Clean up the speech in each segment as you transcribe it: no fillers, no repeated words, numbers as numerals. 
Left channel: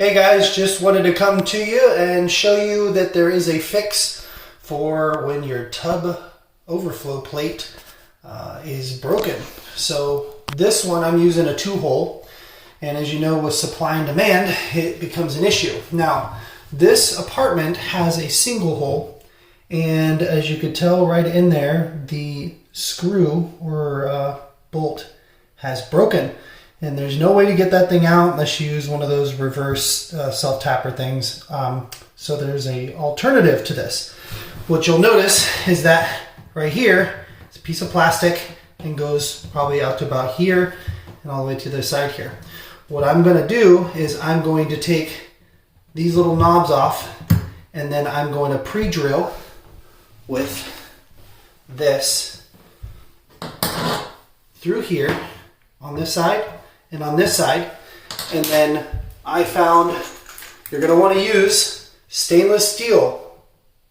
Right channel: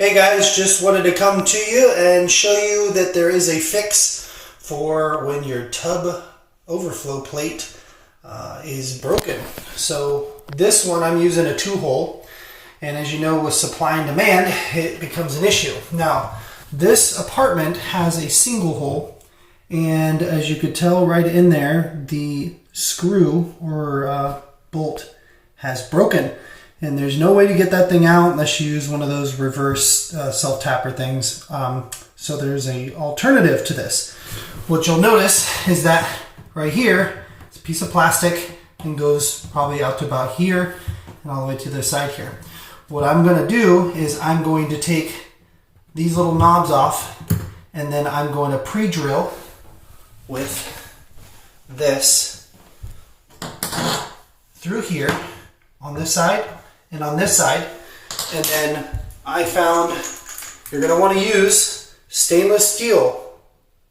Hey guys, just wanted to come to you and show you that there is a fix for when your tub overflow plate is broken. So this one I'm using a 2-hole, and as you know with supply and demand it becomes an issue. Now this apartment has a single hole, and as you could tell right in there, the screw or bolt has broken. And there's no way to get that thing out unless you use one of those reverse self-tapper things. So there's an alternative to this. What you'll notice is that right here, it's a piece of plastic and goes probably out to about here and all the way to the side here. What I'm going to do is I'm going to take these little knobs off, and then I'm going to pre-drill with this through here on this side and on this side. And then I found you're going to want to use stainless steel,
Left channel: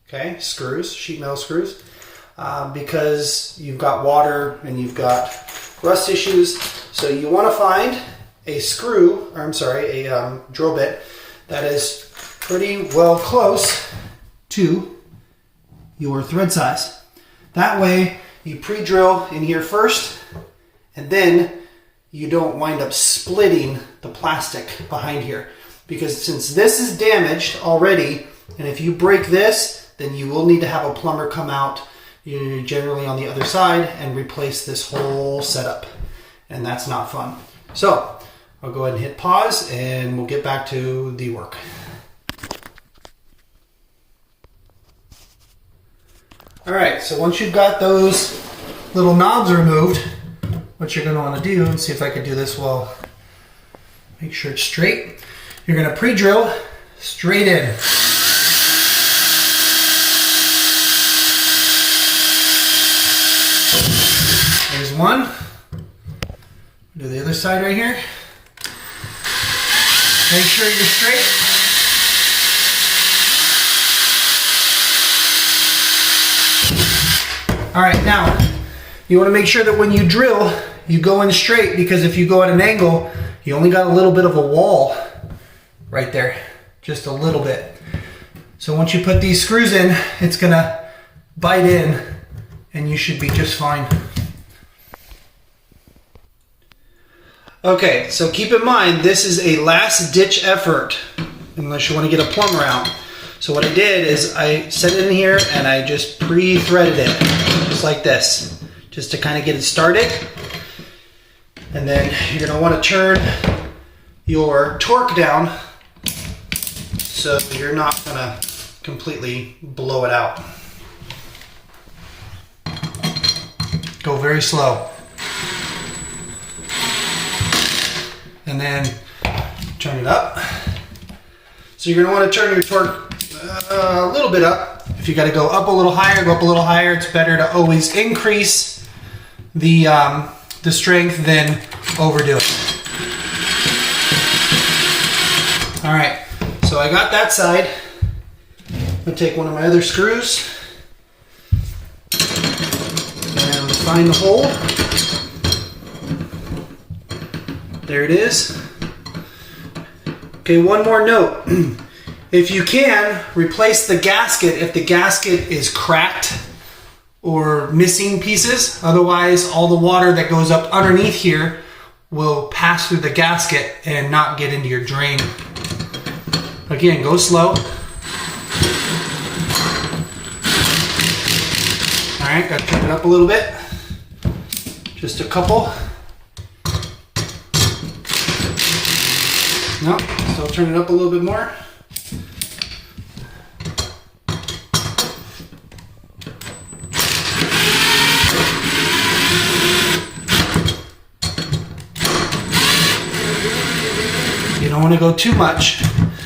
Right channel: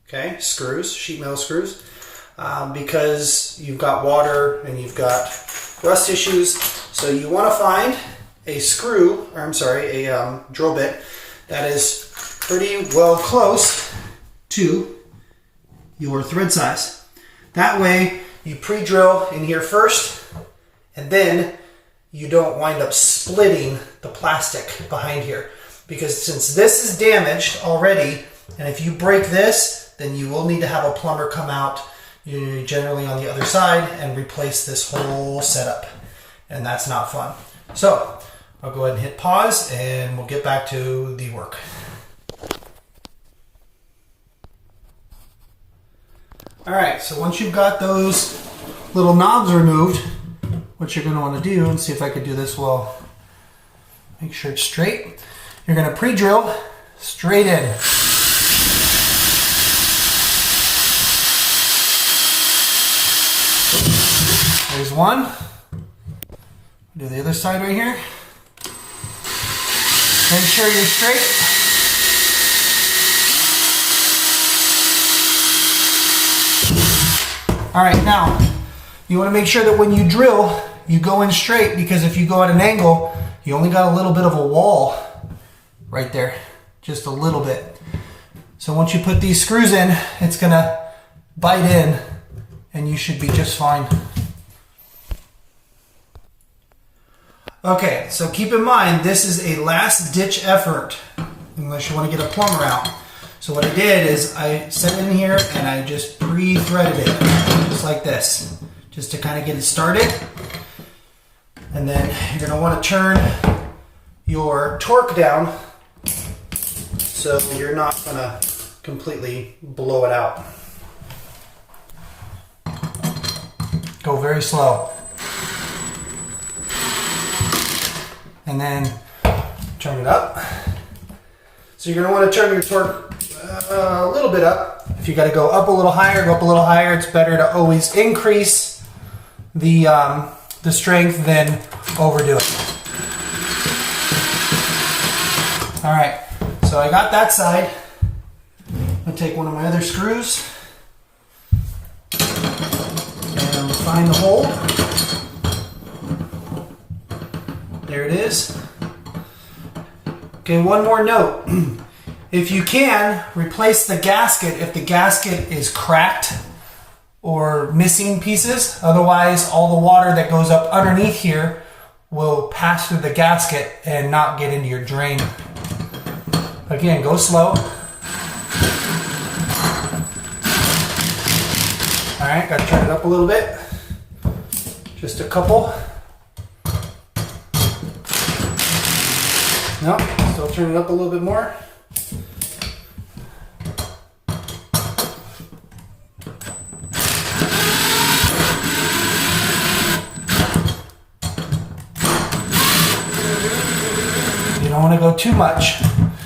okay, screws, sheet metal screws, because you've got water and you've got rust issues. So you want to find a screw, or I'm sorry, a drill bit that is pretty well close to your thread size. That way you pre-drill in here first, and then you don't wind up splitting the plastic behind here. Because since this is damaged already, and if you break this, then you will need to have a plumber come out, generally on the other side, and replace this whole setup. And that's not fun. So I'll go ahead and hit pause, and we'll get back to the work. All right, so once you've got those little knobs removed, what you're going to want to do, and see if I can do this well, make sure it's straight. You're going to pre-drill straight in. There's one. Do the other side right here. Make sure you're straight. All right, now you want to make sure that when you drill, you go in straight, because if you go at an angle, you only got a little bit of a wall right there, just a little bit. So once you put these screws in, it's gonna bite in and you should be just fine. Okay, so keep in mind, this is a last ditch effort unless you want to get a plumber out. So what I did is I set it in here and I just pre-threaded it, just like this, just to kind of get it started. And then you're going to want to turn your torque down so you're not going to completely blow it out. Go very slow. And then turn it up. So you're going to want to turn your torque a little bit up. If you got to go up a little higher, go up a little higher. It's better to always increase the strength than overdo it. All right, so I got that side. I'm gonna take one of my other screws and find the hole. There it is. Okay, one more note. If you can, replace the gasket if the gasket is cracked or missing pieces. Otherwise, all the water that goes up underneath here will pass through the gasket and not get into your drain. Again, go slow. All right, got to turn it up a little bit. Just a couple. No, still turn it up a little bit more. You don't want to go too much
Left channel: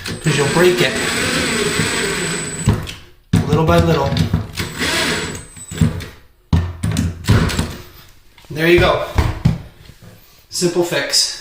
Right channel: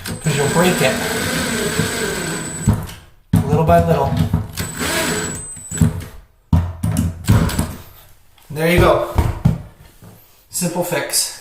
because you'll break it. Little by little. There you go. Simple fix.